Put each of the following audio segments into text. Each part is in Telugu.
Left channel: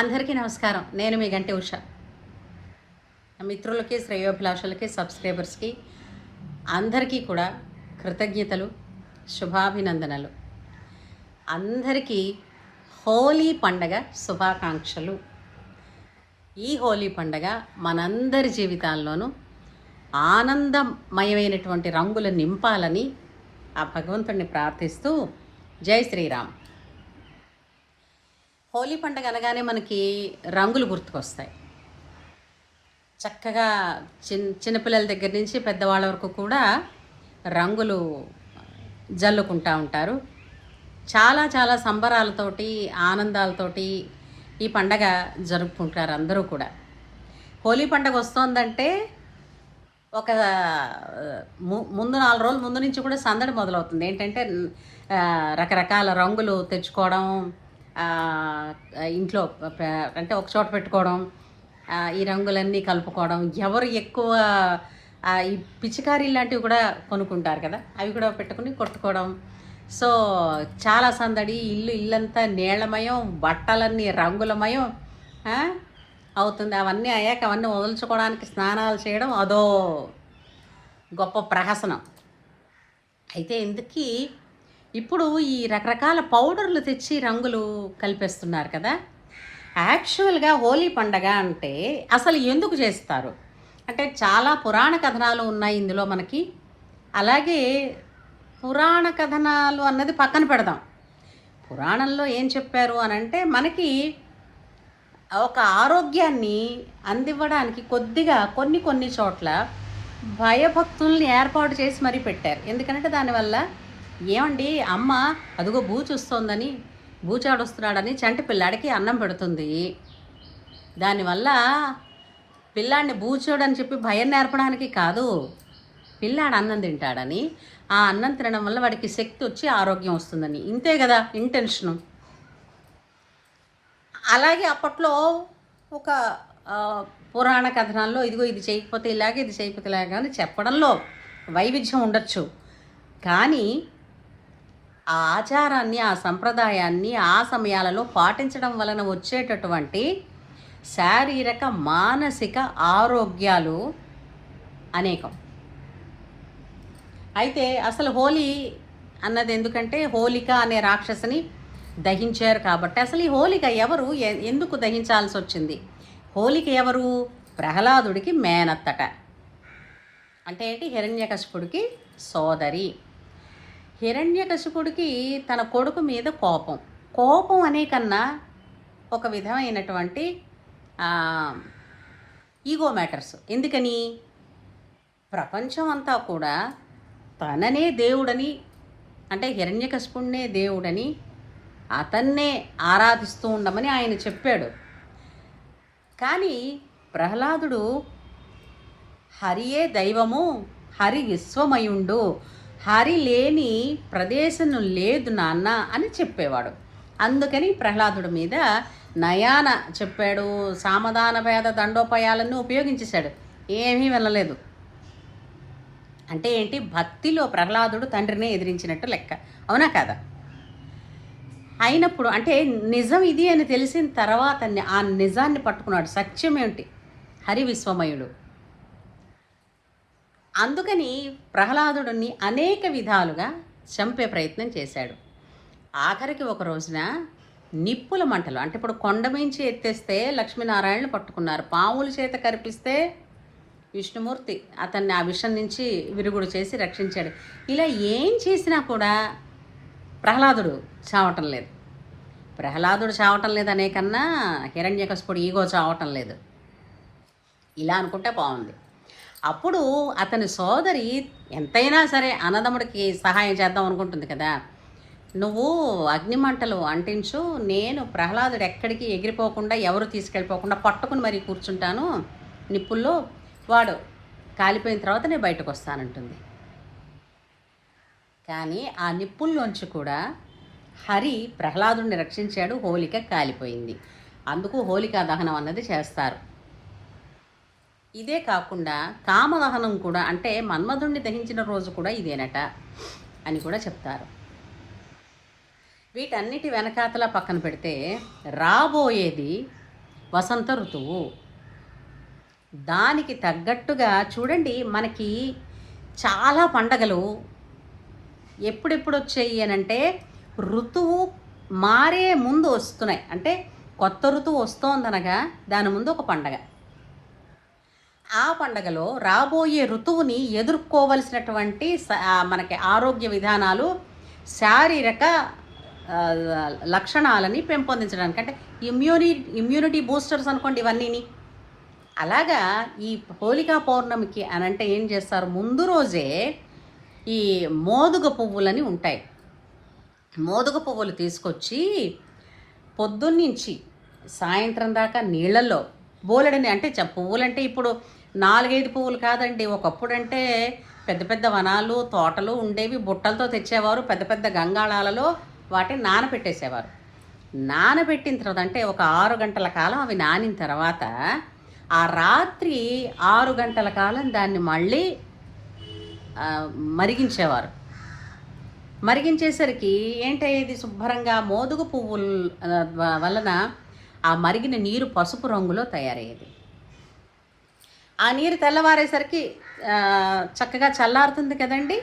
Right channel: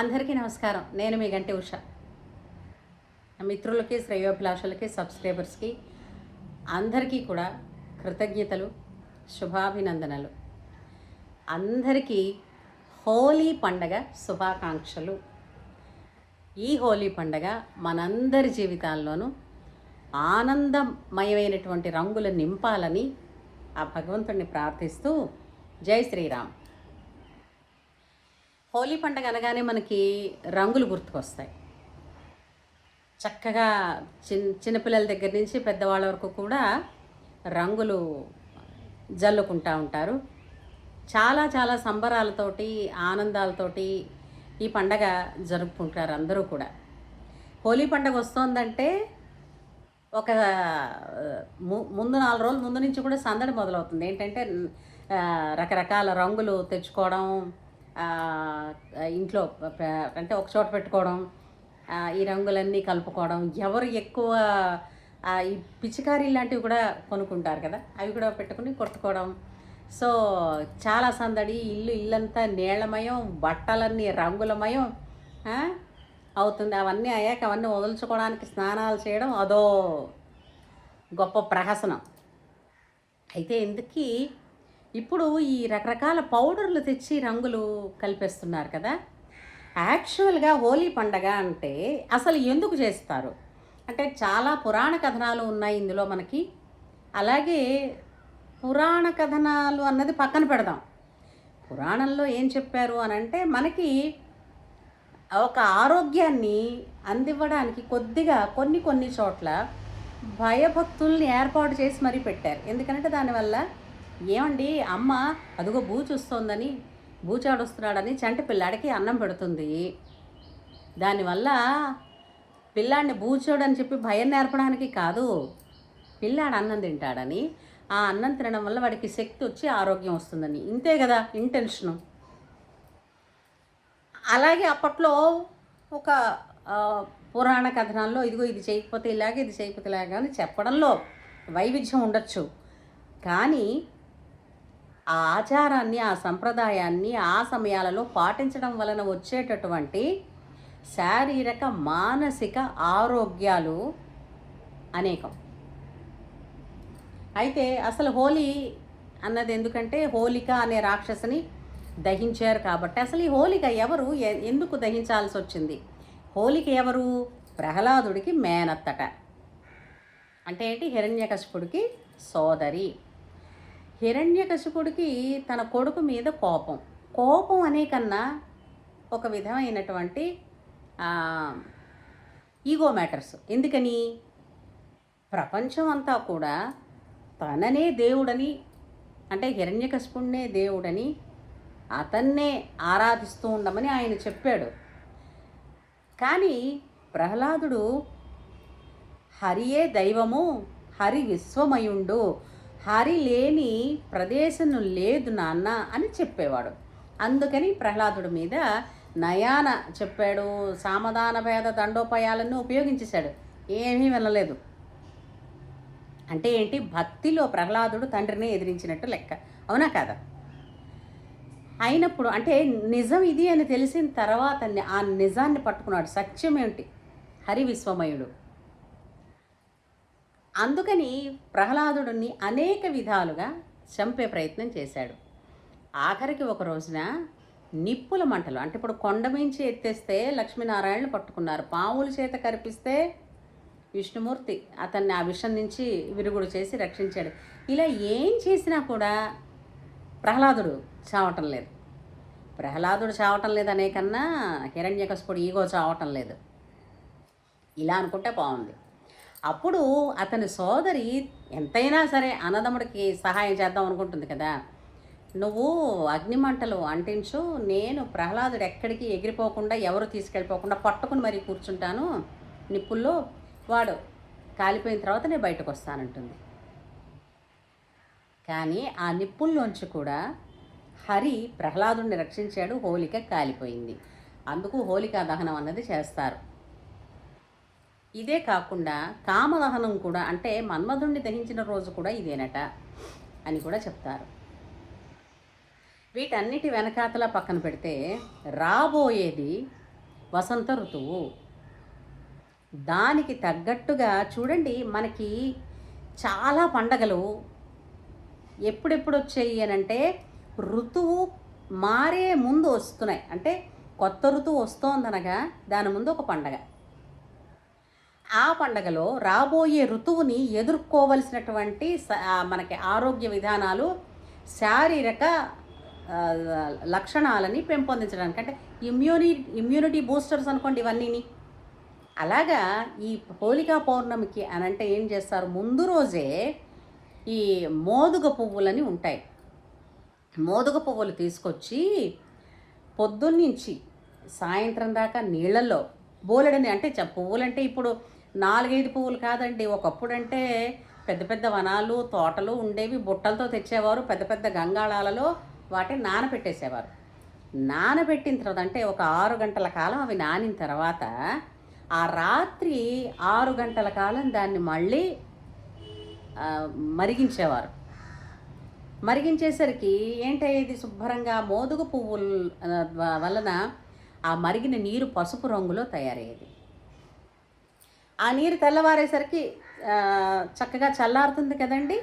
అందరికీ నమస్కారం. నేను మీ గంటి ఉష. మిత్రులకి, శ్రేయోభిలాషులకి, సబ్స్క్రైబర్స్కి అందరికీ కూడా కృతజ్ఞతలు, శుభాభినందనలు. అందరికీ హోలీ పండగ శుభాకాంక్షలు. ఈ హోలీ పండగ మనందరి జీవితాల్లోనూ ఆనందమయమైనటువంటి రంగులు నింపాలని ఆ భగవంతుడిని ప్రార్థిస్తూ జై శ్రీరామ్. హోలీ పండుగ అనగానే మనకి రంగులు గుర్తుకొస్తాయి. చక్కగా చిన్నపిల్లల దగ్గర నుంచి పెద్దవాళ్ళ వరకు కూడా రంగులు జల్లుకుంటూ ఉంటారు. చాలా చాలా సంబరాలతోటి, ఆనందాలతోటి ఈ పండగ జరుపుకుంటారు అందరూ కూడా. హోలీ పండగ వస్తోందంటే ఒక ముందు 4 రోజుల ముందు నుంచి కూడా సందడి మొదలవుతుంది. ఏంటంటే రకరకాల రంగులు తెచ్చుకోవడం, ఇంట్లో అంటే ఒక చోట పెట్టుకోవడం, ఈ రంగులన్నీ కలుపుకోవడం, ఎవరు ఎక్కువ ఈ పిచికారీ లాంటివి కూడా కొనుక్కుంటారు కదా, అవి కూడా పెట్టుకుని కొట్టుకోవడం. సో చాలా సందడి, ఇల్లంతా నీళ్లమయం, బట్టలన్నీ రంగులమయం అవుతుంది. అవన్నీ అయ్యాక అవన్నీ వదులుచుకోవడానికి స్నానాలు చేయడం అదో గొప్ప ప్రహసనం. అయితే ఇందుకీ ఇప్పుడు ఈ రకరకాల పౌడర్లు తెచ్చి రంగులు కలిపేస్తున్నారు కదా. యాక్చువల్గా హోలీ పండగ అంటే అసలు ఎందుకు చేస్తారు అంటే చాలా పురాణ కథనాలు ఉన్నాయి ఇందులో మనకి. అలాగే పురాణ కథనాలు అన్నది పక్కన పెడదాం. పురాణంలో ఏం చెప్పారు అని అంటే మనకి ఒక ఆరోగ్యాన్ని అందివ్వడానికి కొద్దిగా కొన్ని చోట్ల భయభక్తుల్ని ఏర్పాటు చేసి మరీ పెట్టారు. ఎందుకంటే దానివల్ల ఏమండి అమ్మ అదిగో బూచొస్తోందని, బూచాడొస్తున్నాడని చంటి పిల్లాడికి అన్నం పెడుతుంది. దానివల్ల పిల్లాడిని బూచోడని చెప్పి భయం నేర్పడానికి కాదు, పిల్లాడు అన్నం తింటాడని, ఆ అన్నం తినడం వల్ల వాడికి శక్తి వచ్చి ఆరోగ్యం వస్తుందని. ఇంతే కదా ఇంటెన్షను. అలాగే అప్పట్లో ఒక పురాణ కథనాల్లో ఇదిగో ఇది చేయకపోతే ఇలాగే, ఇది చేయకపోతే ఇలాగా అని చెప్పడంలో వైవిధ్యం ఉండొచ్చు. కానీ ఆ ఆచారాన్ని, ఆ సంప్రదాయాన్ని ఆ సమయాలలో పాటించడం వలన వచ్చేటటువంటి శారీరక, మానసిక ఆరోగ్యాలు అనేకం. అయితే అసలు హోలీ అన్నది ఎందుకంటే హోలిక అనే రాక్షసిని దహించారు కాబట్టి. అసలు ఈ హోలిక ఎవరు, ఎందుకు దహించాల్సి వచ్చింది? హోలిక ఎవరు? ప్రహ్లాదుడికి మేనత్తట. అంటే ఏంటి? హిరణ్యకశిపుడికి సోదరి. హిరణ్యకశిపుడికి తన కొడుకు మీద కోపం అనే కన్నా ఒక విధమైనటువంటి ఈగో మ్యాటర్స్. ఎందుకని? ప్రపంచం అంతా కూడా తననే దేవుడని, అంటే హిరణ్యకశిపుడినే దేవుడని, అతన్నే ఆరాధిస్తూ ఉండమని ఆయన చెప్పాడు. కానీ ప్రహ్లాదుడు హరియే దైవము, హరి విశ్వమయుండు, హరి లేని ప్రదేశం లేదు నాన్న అని చెప్పేవాడు. అందుకని ప్రహ్లాదుడి మీద నయాన చెప్పాడు, సామధాన భేద దండోపాయాలన్నీ ఉపయోగించేశాడు. ఏమీ వెళ్ళలేదు. అంటే ఏంటి? భక్తిలో ప్రహ్లాదుడు తండ్రినే ఎదిరించినట్టు లెక్క. అవునా కాదా? అయినప్పుడు అంటే నిజం ఇది అని తెలిసిన తర్వాత ఆ నిజాన్ని పట్టుకున్నాడు. సత్యం ఏమిటి? హరి విశ్వమయుడు. అందుకని ప్రహ్లాదుడిని అనేక విధాలుగా చంపే ప్రయత్నం చేశాడు. ఆఖరికి ఒక రోజున నిప్పుల మంటలు, అంటే ఇప్పుడు కొండ మించి ఎత్తేస్తే లక్ష్మీనారాయణను పట్టుకున్నారు, పాముల చేత కరిపిస్తే విష్ణుమూర్తి అతన్ని ఆ విషం నుంచి విరుగుడు చేసి రక్షించాడు. ఇలా ఏం చేసినా కూడా ప్రహ్లాదుడు చావటం లేదు. ప్రహ్లాదుడు చావటం లేదనే కన్నా హిరణ్యకశిపుడు ఈగో చావటం లేదు. ఇలా అనుకుంటే బాగుంది. అప్పుడు అతని సోదరి ఎంతైనా సరే అన్నదమ్ముడికి సహాయం చేద్దాం అనుకుంటుంది కదా. నువ్వు అగ్నిమంటలు అంటించు, నేను ప్రహ్లాదుడు ఎక్కడికి ఎగిరిపోకుండా, ఎవరు తీసుకెళ్ళిపోకుండా పట్టుకుని మరీ కూర్చుంటాను నిప్పుల్లో, వాడు కాలిపోయిన తర్వాత నేను బయటకు వస్తానంటుంది. కానీ ఆ నిప్పుల్లోంచి కూడా హరి ప్రహ్లాదుడిని రక్షించాడు. హోలిక కాలిపోయింది. అందుకు హోలికా దహనం అన్నది చేస్తారు. ఇదే కాకుండా కామదహనం కూడా, అంటే మన్మధుణ్ణి దహించిన రోజు కూడా ఇదేనట అని కూడా చెప్తారు. వీటన్నిటి వెనకాతల పక్కన పెడితే రాబోయేది వసంత ఋతువు. దానికి తగ్గట్టుగా చూడండి, మనకి చాలా పండగలు ఎప్పుడెప్పుడు వచ్చాయి అనంటే ఋతువు మారే ముందు వస్తున్నాయి. అంటే కొత్త ఋతువు వస్తోందనగా దాని ముందు ఒక పండగ. ఆ పండగలో రాబోయే ఋతువుని ఎదుర్కోవలసినటువంటి మనకి ఆరోగ్య విధానాలు, శారీరక లక్షణాలని పెంపొందించడానికి, అంటే ఇమ్యూనిటీ బూస్టర్స్ అనుకోండి ఇవన్నీని. అలాగా ఈ హోలికా పౌర్ణమికి అనంటే ఏం చేస్తారు, ముందు రోజే ఈ మోదుగ పువ్వులని ఉంటాయి. మోదుగ పువ్వులు తీసుకొచ్చి పొద్దున్నుంచి సాయంత్రం దాకా నీళ్ళల్లో బోలెడని, అంటే పువ్వులంటే ఇప్పుడు 4-5 పువ్వులు కాదండి. ఒకప్పుడంటే పెద్ద పెద్ద వనాలు, తోటలు ఉండేవి. బుట్టలతో తెచ్చేవారు, పెద్ద పెద్ద గంగాళాలలో వాటిని నానబెట్టేసేవారు. నానబెట్టిన తర్వాత అంటే ఒక 6 గంటల కాలం అవి నానిన తర్వాత ఆ రాత్రి 6 గంటల కాలం దాన్ని మళ్ళీ మరిగించేవారు. మరిగించేసరికి ఏంటయ్యేది, శుభ్రంగా మోదుగ పువ్వుల వలన ఆ మరిగిన నీరు పసుపు రంగులో తయారయ్యేది. ఆ నీరు తెల్లవారేసరికి చక్కగా చల్లారుతుంది కదండి.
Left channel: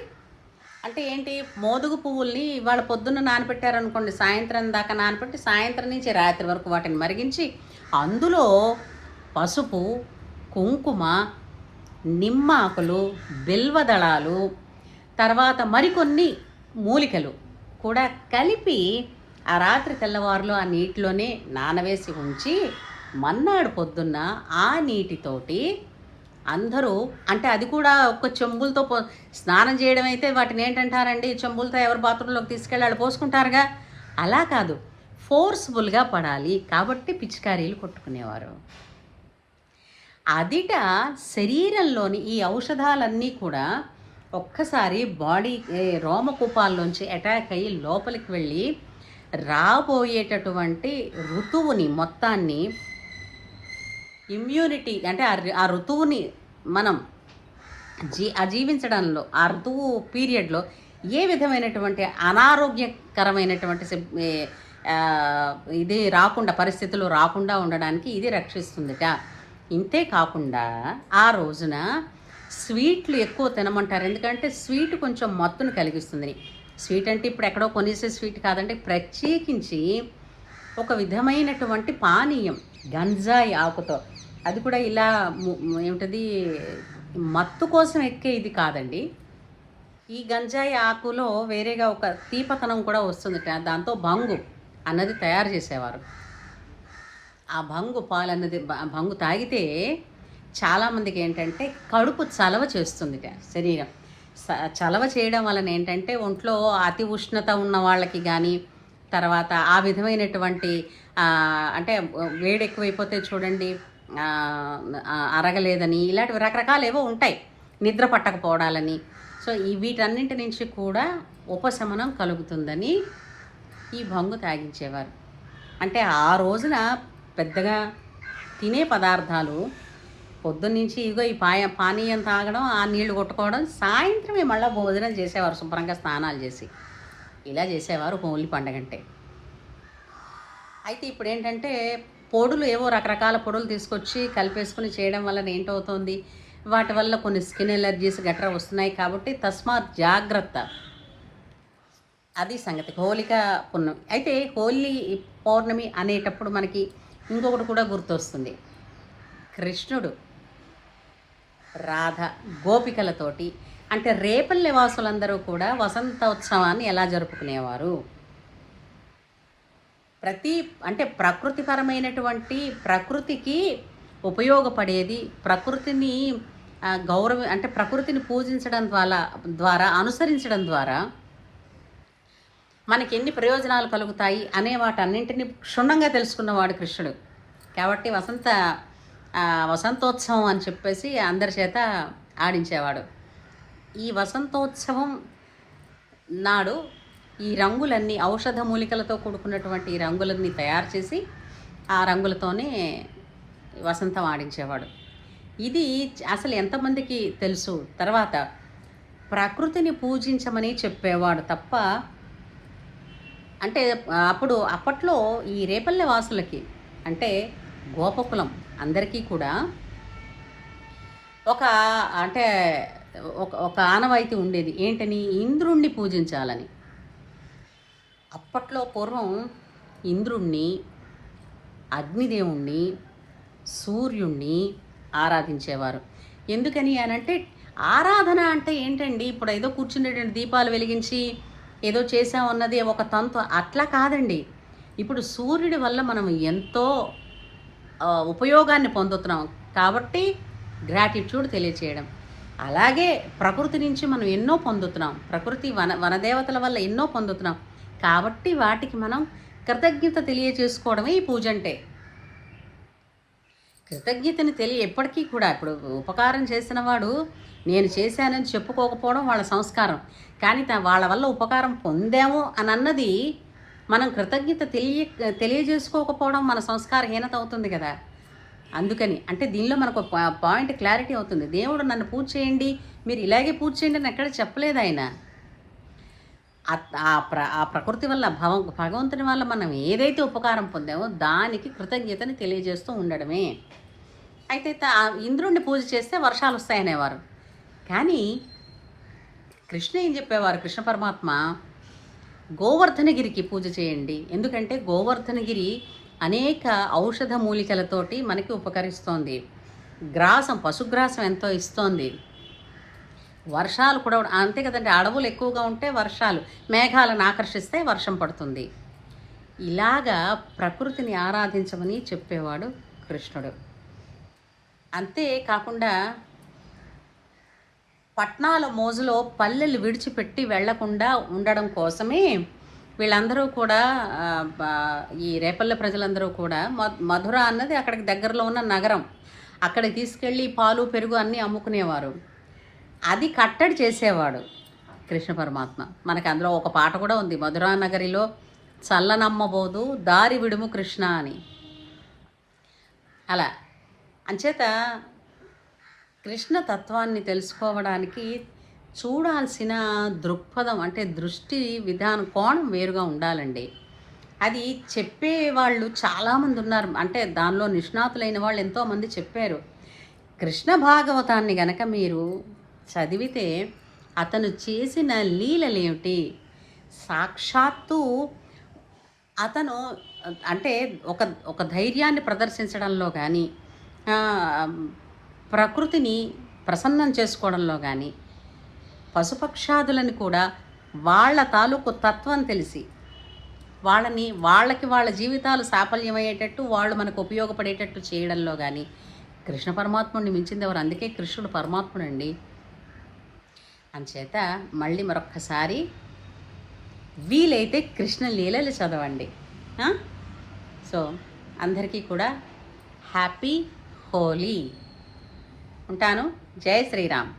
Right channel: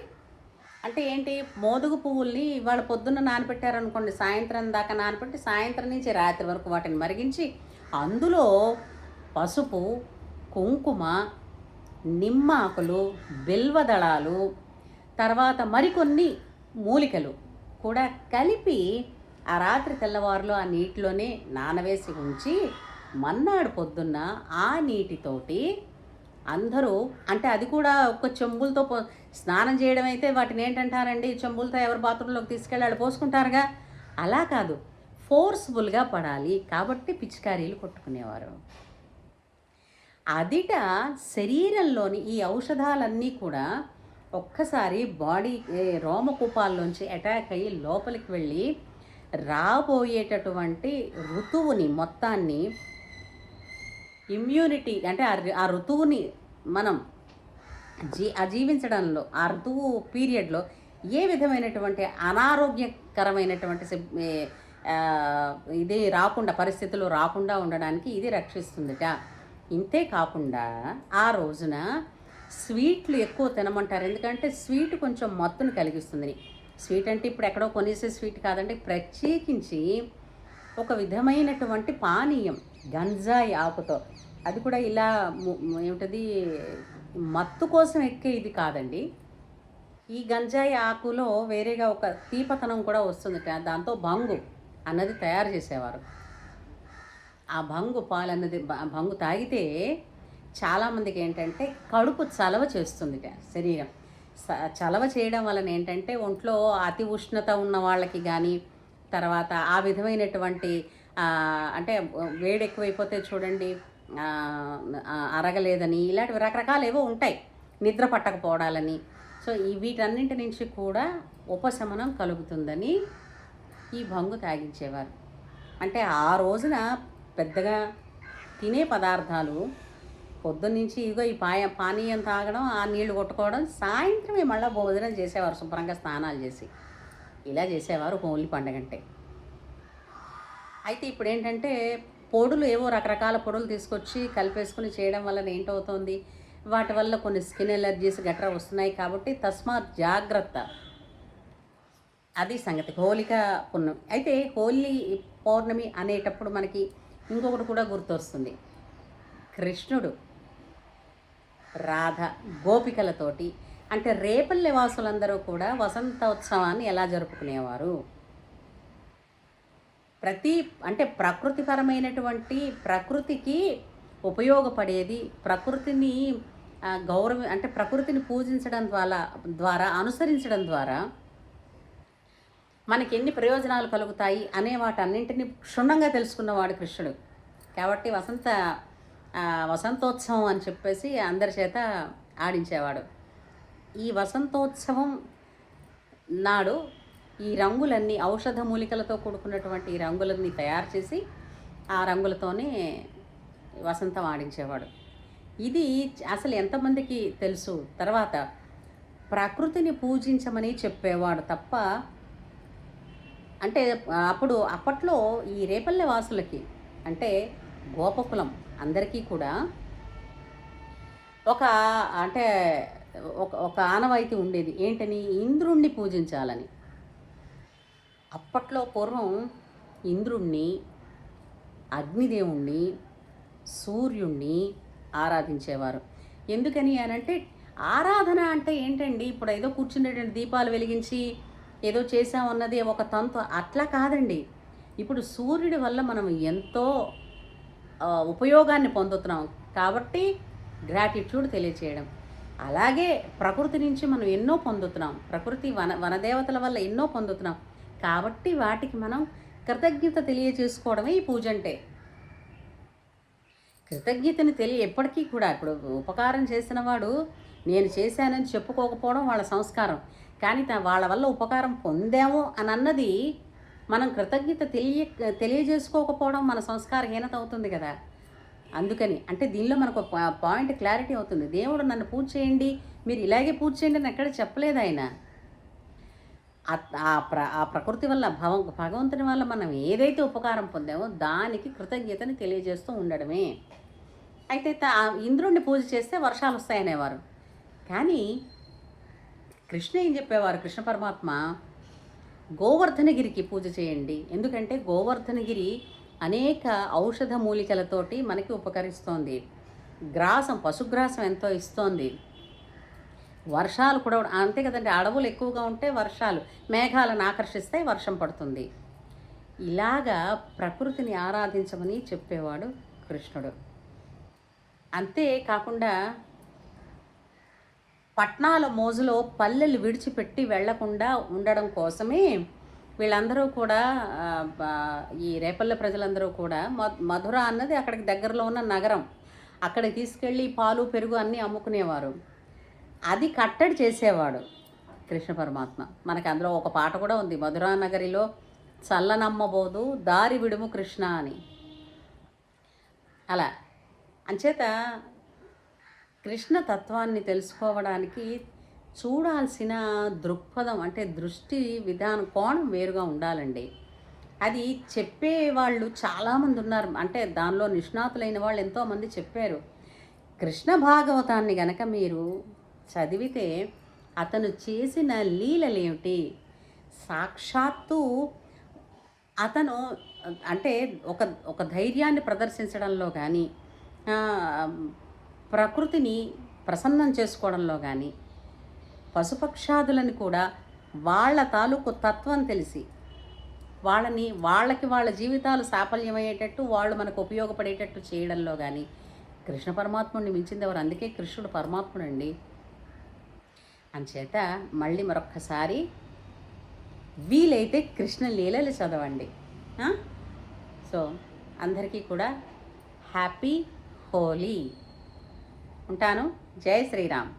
అంటే ఏంటి, మోదుగ పువ్వుల్ని ఇవాళ పొద్దున్న నానబెట్టారనుకోండి, సాయంత్రం దాకా నానబెట్టి సాయంత్రం నుంచి రాత్రి వరకు వాటిని మరిగించి అందులో పసుపు, కుంకుమ, నిమ్మాకులు, బిల్వదళాలు, తర్వాత మరికొన్ని మూలికలు కూడా కలిపి ఆ రాత్రి తెల్లవారులో ఆ నీటిలోనే నానవేసి ఉంచి మన్నాడు పొద్దున్న ఆ నీటితోటి అందరూ, అంటే అది కూడా ఒక చెంబులతో స్నానం చేయడం అయితే వాటిని ఏంటంటారండి, చెంబులతో ఎవరు బాత్రూంలోకి తీసుకెళ్ళి పోసుకుంటారుగా, అలా కాదు, ఫోర్స్ఫుల్గా పడాలి కాబట్టి పిచికారీలు కొట్టుకునేవారు. అదిట శరీరంలోని ఈ ఔషధాలన్నీ కూడా ఒక్కసారి బాడీ రోమకూపాల్లోంచి అటాక్ అయ్యి లోపలికి వెళ్ళి రాబోయేటటువంటి ఋతువుని మొత్తాన్ని, ఇమ్యూనిటీ అంటే ఆ ఋతువుని మనం జీవించడంలో, ఆ ఋతువు పీరియడ్లో ఏ విధమైనటువంటి అనారోగ్యకరమైనటువంటి ఇది రాకుండా, పరిస్థితులు రాకుండా ఉండడానికి ఇది రక్షిస్తుందిట. ఇంతే కాకుండా ఆ రోజున స్వీట్లు ఎక్కువ తినమంటారు. ఎందుకంటే స్వీట్ కొంచెం మత్తును కలిగిస్తుంది. స్వీట్ అంటే ఇప్పుడు ఎక్కడో కొనేసే స్వీట్ కాదంటే ప్రత్యేకించి ఒక విధమైనటువంటి పానీయం గంజాయి ఆకుతో, అది కూడా ఇలా ఏమిటది మత్తు కోసం ఎక్కే ఇది కాదండి. ఈ గంజాయి ఆకులో వేరేగా ఒక తీపతనం కూడా వస్తుంది. దాంతో భంగు అన్నది తయారు చేసేవారు. ఆ భంగు పాలు అన్నది, భంగు తాగితే చాలామందికి ఏంటంటే కడుపు చలవ చేస్తుంది. శరీరం చలవ చేయడం వలన ఏంటంటే ఒంట్లో అతి ఉష్ణత ఉన్న వాళ్ళకి కానీ, తర్వాత ఆ విధమైనటువంటి అంటే వేడి ఎక్కువైపోతే చూడండి అరగలేదని, ఇలాంటివి రకరకాలు ఏవో ఉంటాయి, నిద్ర పట్టకపోవడాలని. సో వీటన్నింటి నుంచి కూడా ఉపశమనం కలుగుతుందని ఈ భంగు తాగించేవారు. అంటే ఆ రోజున పెద్దగా తినే పదార్థాలు పొద్దున్నుంచి ఇగో ఈ పానీయం తాగడం, ఆ నీళ్లు కొట్టుకోవడం, సాయంత్రమే మళ్ళీ భోజనం చేసేవారు, శుభ్రంగా స్నానాలు చేసి ఇలా చేసేవారు హోలీ పండుగ అంటే. అయితే ఇప్పుడు ఏంటంటే పొడులు, ఏవో రకరకాల పొడులు తీసుకొచ్చి కలిపేసుకుని చేయడం వల్ల ఏంటవుతుంది, వాటి వల్ల కొన్ని స్కిన్ ఎలర్జీస్ గట్రా వస్తున్నాయి. కాబట్టి తస్మాత్ జాగ్రత్త, అది సంగతి. హోలిక పున్నమి. అయితే హోలీ పౌర్ణమి అనేటప్పుడు మనకి ఇంకొకటి కూడా గుర్తొస్తుంది. కృష్ణుడు రాధ గోపికలతోటి, అంటే రేపల్లె వాసులందరూ కూడా వసంతోత్సవాన్ని ఎలా జరుపుకునేవారు, అంటే ప్రకృతిపరమైనటువంటి, ప్రకృతికి ఉపయోగపడేది, ప్రకృతిని అంటే ప్రకృతిని పూజించడం ద్వారా అనుసరించడం ద్వారా మనకి ఎన్ని ప్రయోజనాలు కలుగుతాయి అనే వాటన్నింటినీ క్షుణ్ణంగా తెలుసుకున్నవాడు కృష్ణుడు. కాబట్టి వసంతోత్సవం అని చెప్పేసి అందరి చేత ఆడించేవాడు. ఈ వసంతోత్సవం నాడు ఈ రంగులన్నీ, ఔషధ మూలికలతో కూడుకున్నటువంటి ఈ రంగులన్నీ తయారు చేసి ఆ రంగులతోనే వసంతం ఆడించేవాడు. ఇది అసలు ఎంతమందికి తెలుసు? తర్వాత ప్రకృతిని పూజించమని చెప్పేవాడు తప్ప, అంటే అప్పట్లో ఈ రేపల్లె వాసులకి, అంటే గోపకులం అందరికీ కూడా ఒక అంటే ఒక ఒక ఆనవాయితీ ఉండేది. ఏంటని? ఇంద్రుణ్ణి పూజించాలని. అప్పట్లో పూర్వం ఇంద్రుణ్ణి, అగ్నిదేవుణ్ణి, సూర్యుణ్ణి ఆరాధించేవారు. ఎందుకని అనంటే, ఆరాధన అంటే ఏంటండి? ఇప్పుడు ఏదో కూర్చునేటువంటి దీపాలు వెలిగించి ఏదో చేసామన్నది ఒక తంతు అట్లా కాదండి. ఇప్పుడు సూర్యుడి వల్ల మనం ఎంతో ఉపయోగాన్ని పొందుతున్నాం కాబట్టి గ్రాటిట్యూడ్ తెలియచేయడం. అలాగే ప్రకృతి నుంచి మనం ఎన్నో పొందుతున్నాం. ప్రకృతి వనదేవతల వల్ల ఎన్నో పొందుతున్నాం కాబట్టి వాటికి మనం కృతజ్ఞత తెలియజేసుకోవడమే ఈ పూజ అంటే. కృతజ్ఞతని ఎప్పటికీ కూడా ఇప్పుడు ఉపకారం చేసిన వాడు నేను చేశానని చెప్పుకోకపోవడం వాళ్ళ సంస్కారం. కానీ వాళ్ళ వల్ల ఉపకారం పొందాము అని అన్నది మనం కృతజ్ఞత తెలియజేసుకోకపోవడం మన సంస్కారహీనత అవుతుంది కదా. అందుకని అంటే దీనిలో మనకు పాయింట్ క్లారిటీ అవుతుంది. దేవుడు నన్ను పూజ చేయండి, మీరు ఇలాగే పూజ చేయండి అని ఎక్కడ చెప్పలేదు ఆయన. ఆ ప్రకృతి వల్ల భగవంతుని వల్ల మనం ఏదైతే ఉపకారం పొందామో దానికి కృతజ్ఞతని తెలియజేస్తూ ఉండడమే. అయితే ఇంద్రుణ్ణి పూజ చేస్తే వర్షాలు వస్తాయనేవారు. కానీ కృష్ణ ఏం చెప్పేవారు? కృష్ణ పరమాత్మ గోవర్ధనగిరికి పూజ చేయండి. ఎందుకంటే గోవర్ధనగిరి అనేక ఔషధ మూలికలతోటి మనకి ఉపకరిస్తోంది. పశుగ్రాసం ఎంతో ఇస్తోంది. వర్షాలు కూడా అంతే కదండి. అడవులు ఎక్కువగా ఉంటే వర్షాలు, మేఘాలను ఆకర్షిస్తే వర్షం పడుతుంది. ఇలాగా ప్రకృతిని ఆరాధించమని చెప్పేవాడు కృష్ణుడు. అంతే కాకుండా పట్నాల మోజులో పల్లెలు విడిచిపెట్టి వెళ్లకుండా ఉండడం కోసమే వీళ్ళందరూ కూడా ఈ రేపల్లె ప్రజలందరూ కూడా మధుర అన్నది అక్కడికి దగ్గరలో ఉన్న నగరం, అక్కడికి తీసుకెళ్ళి పాలు పెరుగు అన్నీ అమ్ముకునేవారు. అది కట్టడి చేసేవాడు కృష్ణ పరమాత్మ. మనకి అందులో ఒక పాట కూడా ఉంది, మధురా నగరిలో చల్లనమ్మబోదు దారి విడుము కృష్ణ అని. అలా అంచేత కృష్ణ తత్వాన్ని తెలుసుకోవడానికి చూడాల్సిన దృక్పథం అంటే దృష్టి విధానం కోణం వేరుగా ఉండాలండి. అది చెప్పేవాళ్ళు చాలామంది ఉన్నారు. అంటే దానిలో నిష్ణాతులైన వాళ్ళు ఎంతోమంది చెప్పారు. కృష్ణ భాగవతాన్ని గనక మీరు చదివితే అతను చేసిన లీలలేమిటి, సాక్షాత్తు అతను అంటే ఒక ధైర్యాన్ని ప్రదర్శించడంలో కానీ, ప్రకృతిని ప్రసన్నం చేసుకోవడంలో కానీ, పశుపక్షాదులని కూడా వాళ్ళ తాలూకు తత్వం తెలిసి వాళ్ళకి వాళ్ళ జీవితాలు సాఫల్యమయ్యేటట్టు, వాళ్ళు మనకు ఉపయోగపడేటట్టు చేయడంలో కానీ కృష్ణ పరమాత్ముడిని మించింది ఎవరు? అందుకే కృష్ణుడు పరమాత్ముడు అండి. అంచేత మళ్ళీ మరొక్కసారి వీలైతే కృష్ణ లీలలు చదవండి. సో అందరికీ కూడా హ్యాపీ హోలీ. ఉంటాను. జై శ్రీరామ్.